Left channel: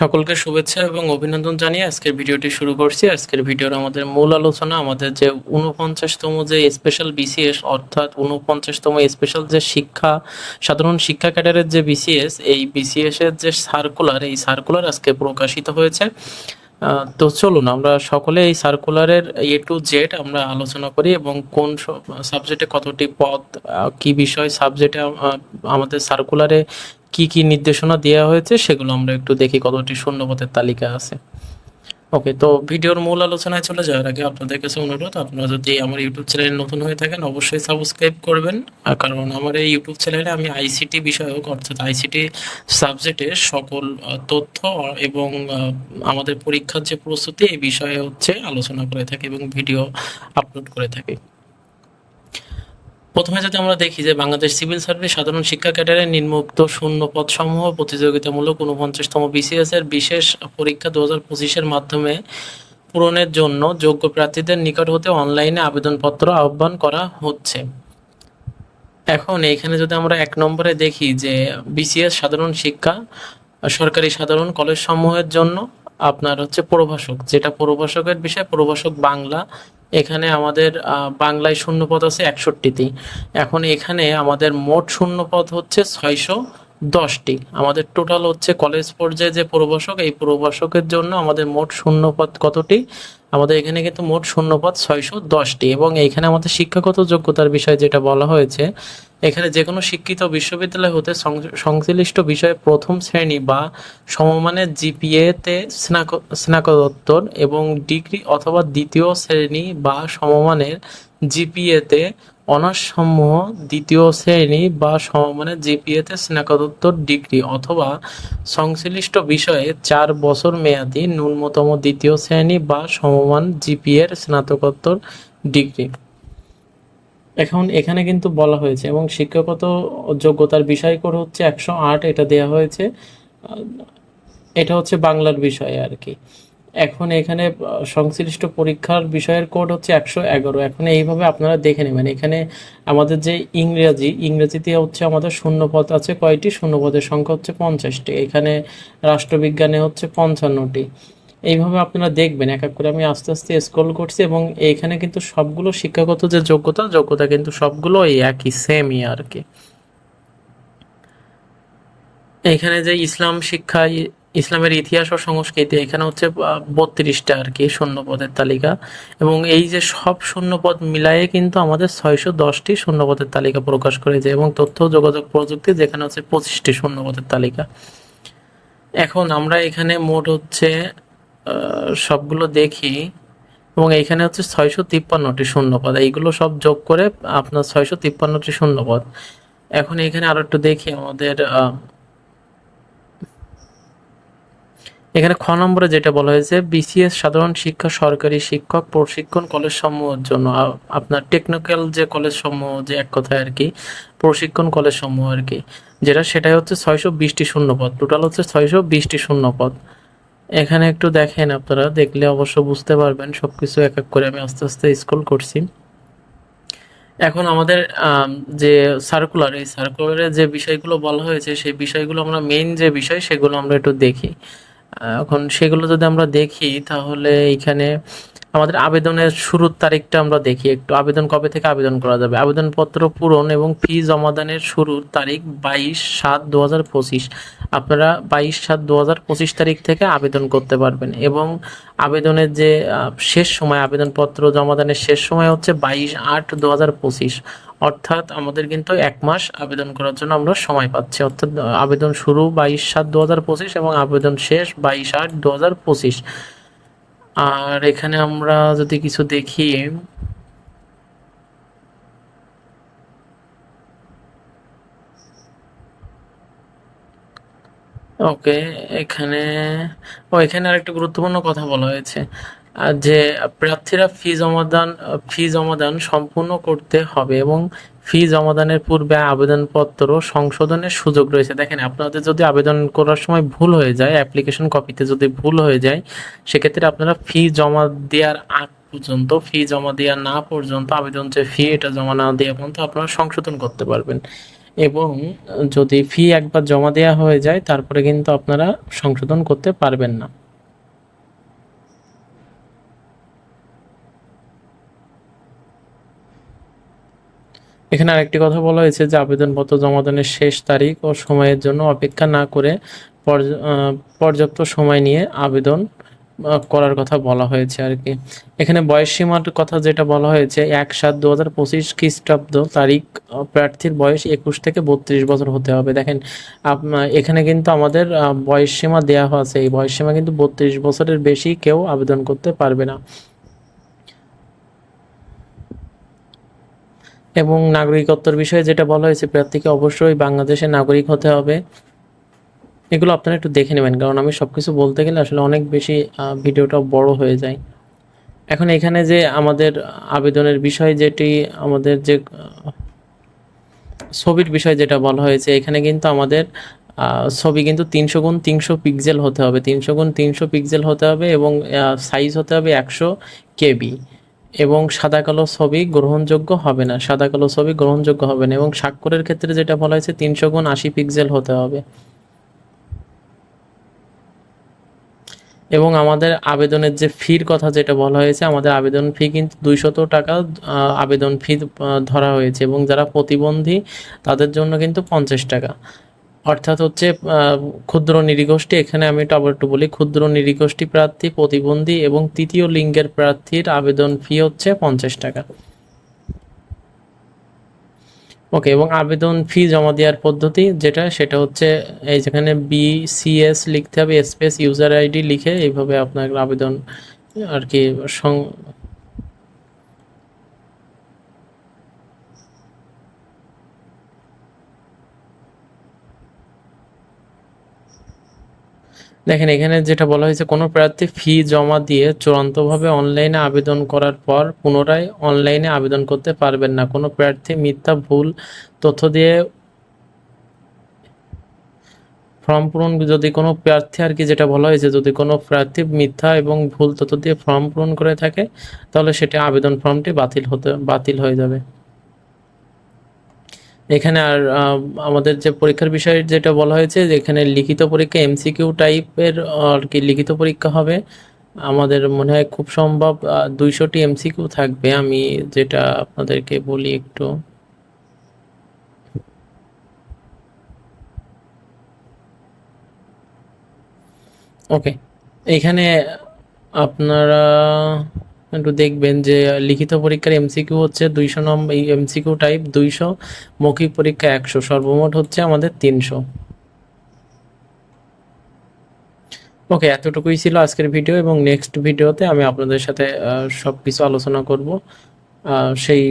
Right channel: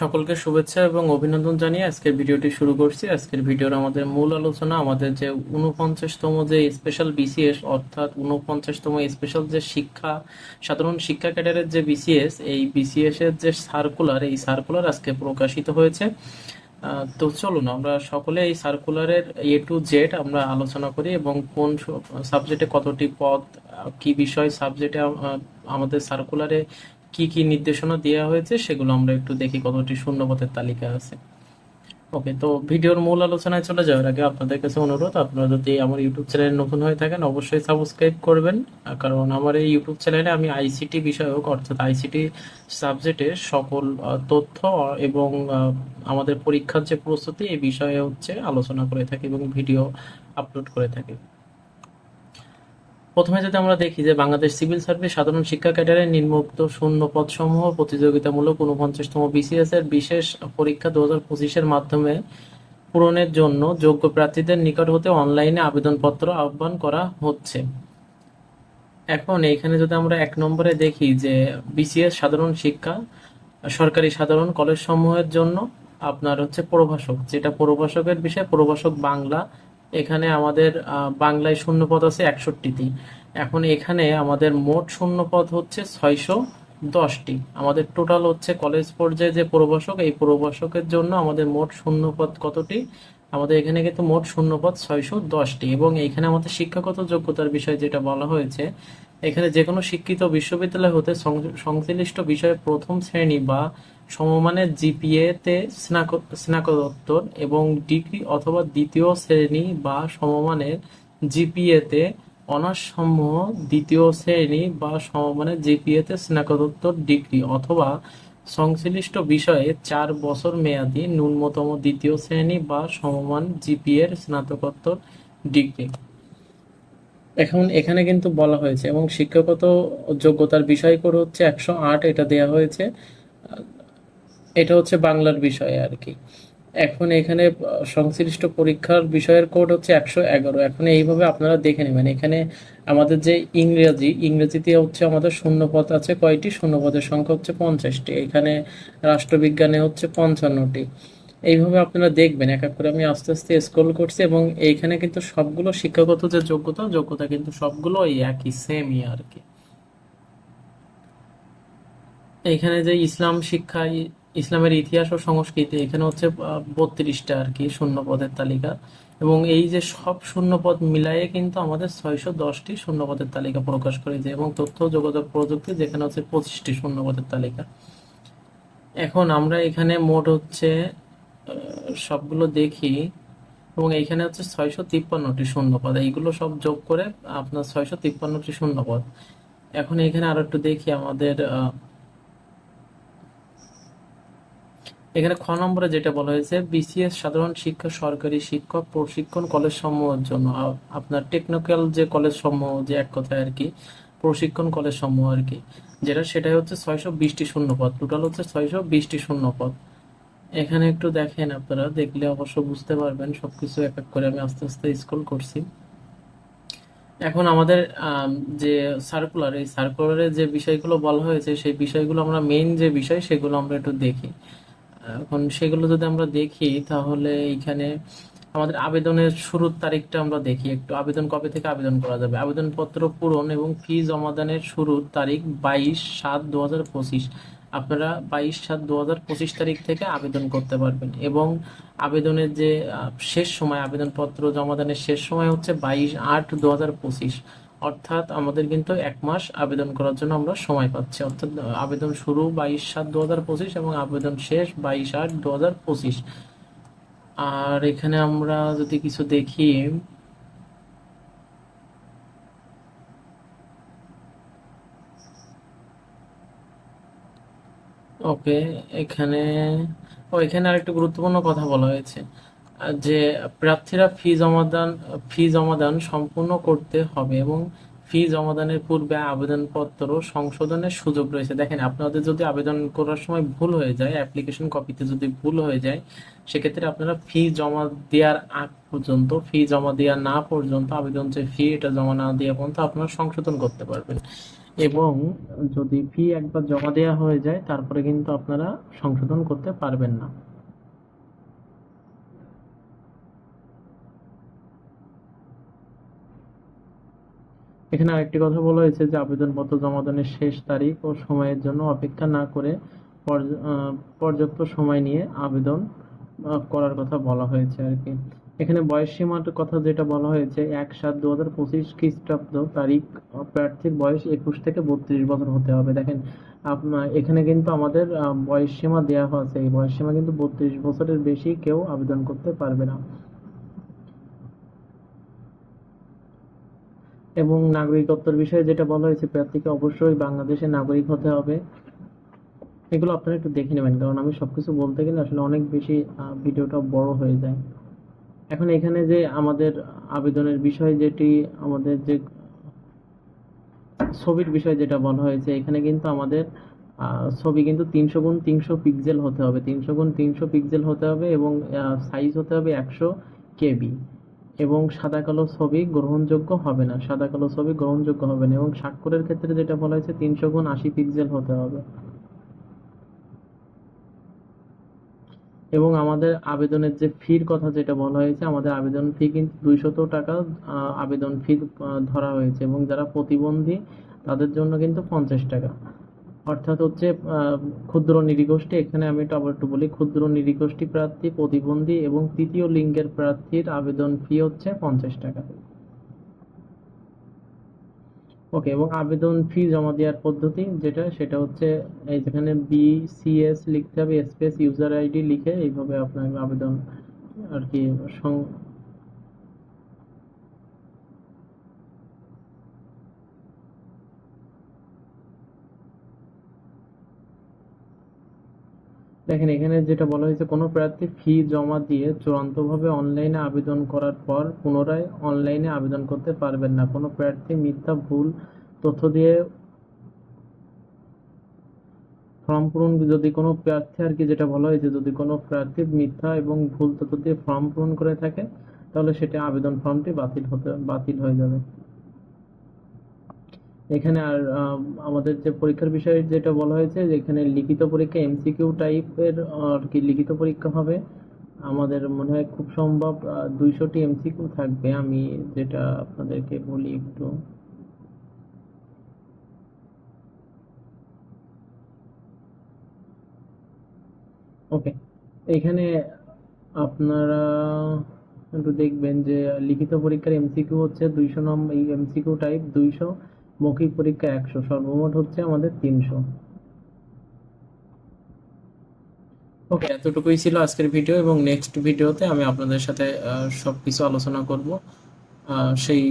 সকলকে শুভেচ্ছা এবং অভিনন্দন জানিয়ে আজকের ভিডিওটি শুরু করছি। আজকের ভিডিওর আমাদের মূল আলোচনা আমাদের যে 49তম যে স্পেশাল বিসিএস অর্থাৎ 49তম স্পেশাল যে সাধারণ শিক্ষা ক্যাডারের যে বিসিএস, এই বিসিএস এর যে সার্কুলার, এই সার্কুলার আজকে প্রকাশিত হয়েছে। তো চলুন আমরা সকলে এই সার্কুলারের টু জেড আমরা আলোচনা করি এবং কোন সাবজেক্টে কতটি পদ, কি বিষয় সাবজেক্টে আমাদের সার্কুলারে কি কি নির্দেশনা দেওয়া হয়েছে সেগুলো আমরা একটু দেখি কতটি শূন্যপদের তালিকা আছে। ওকে, তো ভিডিওর মূল আলোচনায় চলে যাওয়ার আগে আপনাদের কাছে অনুরোধ, আপনারা যদি আমার ইউটিউব চ্যানেলে নতুন হয়ে থাকেন অবশ্যই সাবস্ক্রাইব করবেন। কারণ আমার এই ইউটিউব চ্যানেলে আমি আইসিটি বিষয়ক অর্থাৎ আইসিটি সাবজেক্টের সকল তথ্য এবং আমাদের পরীক্ষার যে প্রস্তুতি এই বিষয়ে হচ্ছে আলোচনা করে থাকি এবং ভিডিও আপলোড করে থাকি। প্রথমে যদি আমরা দেখি যে বাংলাদেশ সিভিল সার্ভিস সাধারণ শিক্ষা ক্যাডারের নিম্নোক্ত শূন্য পদ সমূহ প্রতিযোগিতামূলক 49তম বিসিএস এর বিশেষ পরীক্ষা 2025-এর মাধ্যমে পূরণের জন্য যোগ্য প্রার্থীদের নিকট হতে অনলাইনে আবেদনপত্র আহ্বান করা হচ্ছে। এখন এইখানে যদি আমরা 1 নম্বরে দেখি যে বিসিএস সাধারণ শিক্ষা সরকারি সাধারণ কলেজ সমূহের জন্য আপনার হচ্ছে প্রভাষক, যেটা প্রভাষকের বিষয় প্রভাষক বাংলা। এখানে আমাদের বাংলায় শূন্যপদ আছে 61টি। এখন এখানে আমাদের মোট শূন্যপদ হচ্ছে 610টি। আমাদের টোটাল হচ্ছে কলেজ পর্যায়ে যে প্রভাষক, এই প্রভাষকের জন্য আমাদের মোট শূন্যপদ কতটি? আমাদের এখানে কিন্তু মোট শূন্যপদ 610টি। এবং এইখানে আমাদের শিক্ষাগত যোগ্যতার বিষয় যেটা বলা হয়েছে, এখানে যে কোনো শিক্ষিত বিশ্ববিদ্যালয় হতে সংশ্লিষ্ট বিষয়ে প্রথম শ্রেণী বা সমমানের জিপিএতে স্নাতকোত্তর এবং ডিগ্রি অথবা দ্বিতীয় শ্রেণী বা সমমানের জিপিএতে অনার্স সমূহ, দ্বিতীয় শ্রেণী বা সমমানের জিপিএতে স্নাতকোত্তর ডিগ্রি অথবা সংশ্লিষ্ট বিষয়ে 4 বছর মেয়াদী ন্যূনতম দ্বিতীয় শ্রেণী বা সমমান জিপিএর স্নাতকোত্তর ডিগ্রি। এখন এখানে কিন্তু বলা হয়েছে এবং শিক্ষাগত যোগ্যতার বিষয় করে হচ্ছে 108, এটা দেয়া হয়েছে। এটা হচ্ছে বাংলার বিষয়ে আর কি। এখন এখানে সংশ্লিষ্ট পরীক্ষার বিষয়ের কোড হচ্ছে 111। এখন এইভাবে আপনারা দেখে নেবেন। এখানে আমাদের যে ইংরেজিতে হচ্ছে আমাদের শূন্যপদ আছে কয়টি? শূন্যপদের সংখ্যা হচ্ছে 50টি। এখানে রাষ্ট্রবিজ্ঞানে হচ্ছে 55টি। এইভাবে আপনারা দেখবেন এক এক করে, আমি আস্তে আস্তে স্ক্রল করছি এবং এইখানে কিন্তু সবগুলো শিক্ষাগত যে যোগ্যতা কিন্তু সবগুলো এই একই, সেমই আর কি। এখানে যে ইসলাম শিক্ষা, ইসলামের ইতিহাস ও সংস্কৃতি, এখানে হচ্ছে 32টা আর কি শূন্যপদের তালিকা। এবং এই যে সব শূন্যপদ মিলায়ে কিন্তু আমাদের 610টি শূন্যপদের তালিকা প্রকাশ করেছে। এবং তথ্য ও যোগাযোগ প্রযুক্তি যেখানে হচ্ছে 25টি শূন্যপদের তালিকা। এখন আমরা এখানে মোট হচ্ছে সবগুলো দেখি এবং এইখানে হচ্ছে 653টি শূন্যপদ, এইগুলো সব যোগ করে আপনার 653টি শূন্যপদ। এখন এখানে আরো একটু দেখি আমাদের এখানে খ নম্বরে যেটা বলা হয়েছে, বিসিএস সাধারণ শিক্ষা সরকারি শিক্ষক প্রশিক্ষণ কলেজ সমূহের জন্য আপনার টেকনিক্যাল যে কলেজ সমূহ, যে এক কথায় আর কি প্রশিক্ষণ কলেজ সমূহ আর কি, সেটাই হচ্ছে 620টি শূন্যপদ। টোটাল হচ্ছে 620টি শূন্যপদ। এখানে একটু দেখেন, আপনারা দেখলে অবশ্য বুঝতে পারবেন সবকিছু এক এক করে আমি আস্তে আস্তে স্ক্রল করছি। এখন আমাদের যে সার্কুলার, এই সার্কুলারে যে বিষয়গুলো বলা হয়েছে সেই বিষয়গুলো আমরা মেইন যে বিষয় সেগুলো আমরা একটু দেখি। এখন সেগুলো যদি আমরা দেখি তাহলে এইখানে আমাদের আবেদনের শুরুর তারিখটা আমরা দেখি একটু। আবেদন কবে থেকে আবেদন করা যাবে? আবেদনপত্র পূরণ এবং ফি জমাদানের শুরুর তারিখ 22/7/2025। আপনারা 22/7/2025 তারিখ থেকে আবেদন করতে পারবেন। এবং আবেদনের যে শেষ সময়, আবেদনপত্র জমাদানের শেষ সময় হচ্ছে 22/8/2025। অর্থাৎ আমাদের কিন্তু 1 মাস আবেদন করার জন্য আমরা সময় পাচ্ছি। অর্থাৎ আবেদন শুরু 22/7/2025 এবং আবেদন শেষ 22/8/2025। আর এখানে আমরা যদি কিছু দেখি, ওকে, এখানে এখানে আরেকটা গুরুত্বপূর্ণ কথা বলা হয়েছে যে প্রার্থীরা ফি জমাদান সম্পূর্ণ করতে হবে এবং ফি জমাদানের পূর্বে আবেদনপত্র সংশোধনের সুযোগ রয়েছে। দেখেন, আপনাদের যদি আবেদন করার সময় ভুল হয়ে যায়, অ্যাপ্লিকেশন কপিতে যদি ভুল হয়ে যায়, সেক্ষেত্রে আপনারা ফি জমা দেওয়ার আগ পর্যন্ত, ফি জমা দেওয়া না পর্যন্ত, আবেদন যে ফি এটা জমা না দেওয়া পর্যন্ত আপনারা সংশোধন করতে পারবেন। এবং যদি ফি একবার জমা দেওয়া হয়ে যায় তারপরে কিন্তু আপনারা সংশোধন করতে পারবেন না। এখানে আরেকটি কথা বলা হয়েছে যে আবেদনপত্র জমাদানের শেষ তারিখ ও সময়ের জন্য অপেক্ষা না করে পর্যাপ্ত সময় নিয়ে আবেদন করার কথা বলা হয়েছে আর কি। এখানে বয়স সীমার কথা যেটা বলা হয়েছে 1/7/2025 খ্রিস্টাব্দ তারিখ প্রার্থীর বয়স 21 থেকে 32 বছর হতে হবে। দেখেন এখানে কিন্তু আমাদের বয়স সীমা দেওয়া আছে, এই বয়স সীমা কিন্তু 32 বছরের বেশি কেউ আবেদন করতে পারবে না। এবং নাগরিকত্বের বিষয়ে যেটা বলা হয়েছে প্রার্থীকে অবশ্যই বাংলাদেশের নাগরিক হতে হবে। এগুলো আপনারা একটু দেখে নেবেন, কারণ আমি সবকিছু বলতে গেলে আসলে অনেক বেশি ভিডিওটা বড় হয়ে যায়। এখন এখানে যে আমাদের আবেদনের বিষয় যেটি আমাদের যে ছবির বিষয় যেটা বলা হয়েছে, এখানে কিন্তু আমাদের ছবি কিন্তু 300x300 পিক্সেল হতে হবে, 300x300 পিক্সেল হতে হবে এবং সাইজ হতে হবে 100 কেবি। এবং সাদা কালো ছবি গ্রহণযোগ্য হবে না, সাদা কালো ছবি গ্রহণযোগ্য হবে না। এবং স্বাক্ষরের ক্ষেত্রে যেটা বলা হয়েছে 300x80 পিক্সেল হতে হবে। এবং আমাদের আবেদনের যে ফির কথা যেটা বলা হয়েছে, আমাদের আবেদন ফি কিন্তু 200 টাকা আবেদন ফি ধরা হয়েছে। এবং যারা প্রতিবন্ধী তাদের জন্য কিন্তু 50 টাকা, অর্থাৎ হচ্ছে ক্ষুদ্র নৃগোষ্ঠী, এখানে আমি একটু আবার একটু বলি, ক্ষুদ্র নৃগোষ্ঠী প্রার্থী, প্রতিবন্ধী এবং তৃতীয় লিঙ্গের প্রার্থীর আবেদন ফি হচ্ছে 50 টাকা। ওকে, এবং আবেদন ফি জমা দেওয়ার পদ্ধতি যেটা, সেটা হচ্ছে এই যেখানে BCS লিখতে হবে, স্পেস ইউজার আইডি লিখে এইভাবে আপনার আবেদন আর কি দেখেন এখানে যেটা বলা হয়েছে, কোনো প্রার্থী ফি জমা দিয়ে চূড়ান্তভাবে অনলাইনে আবেদন করার পর পুনরায় অনলাইনে আবেদন করতে পারবেন না। কোনো প্রার্থী মিথ্যা ভুল তথ্য দিয়ে ফর্ম পূরণ, যদি কোনো প্রার্থী আর কি যেটা বলা হয়েছে, যদি কোনো প্রার্থী মিথ্যা এবং ভুল তথ্য দিয়ে ফর্ম পূরণ করে থাকে তাহলে সেটা আবেদন ফর্মটি বাতিল হয়ে যাবে। এখানে আর আমাদের যে পরীক্ষার বিষয়ে যেটা বলা হয়েছে, যে এখানে লিখিত পরীক্ষা MCQ টাইপের আর কি লিখিত পরীক্ষা হবে। আমাদের মনে হয় খুব সম্ভব 200টি MCQ থাকবে, আমি যেটা আপনাদেরকে বলি একটু। ওকে, এখানে আপনারা একটু দেখবেন যে লিখিত পরীক্ষার MCQ হচ্ছে 200 নম্বর, এই MCQ টাইপ 200, মৌখিক পরীক্ষা 100, সর্বমোট হচ্ছে আমাদের 300। ওকে, এতটুকুই ছিল আজকের ভিডিও, এবং নেক্সট ভিডিওতে আমি আপনাদের সাথে সব কিছু আলোচনা করব। সেই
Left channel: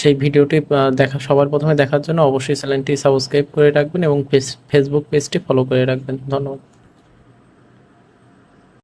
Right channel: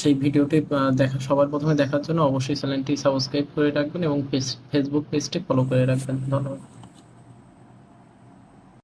সেই ভিডিওটি সবার প্রথমে দেখার জন্য অবশ্যই চ্যানেলটি সাবস্ক্রাইব করে রাখবেন এবং ফেসবুক পেজটি ফলো করে রাখবেন। ধন্যবাদ।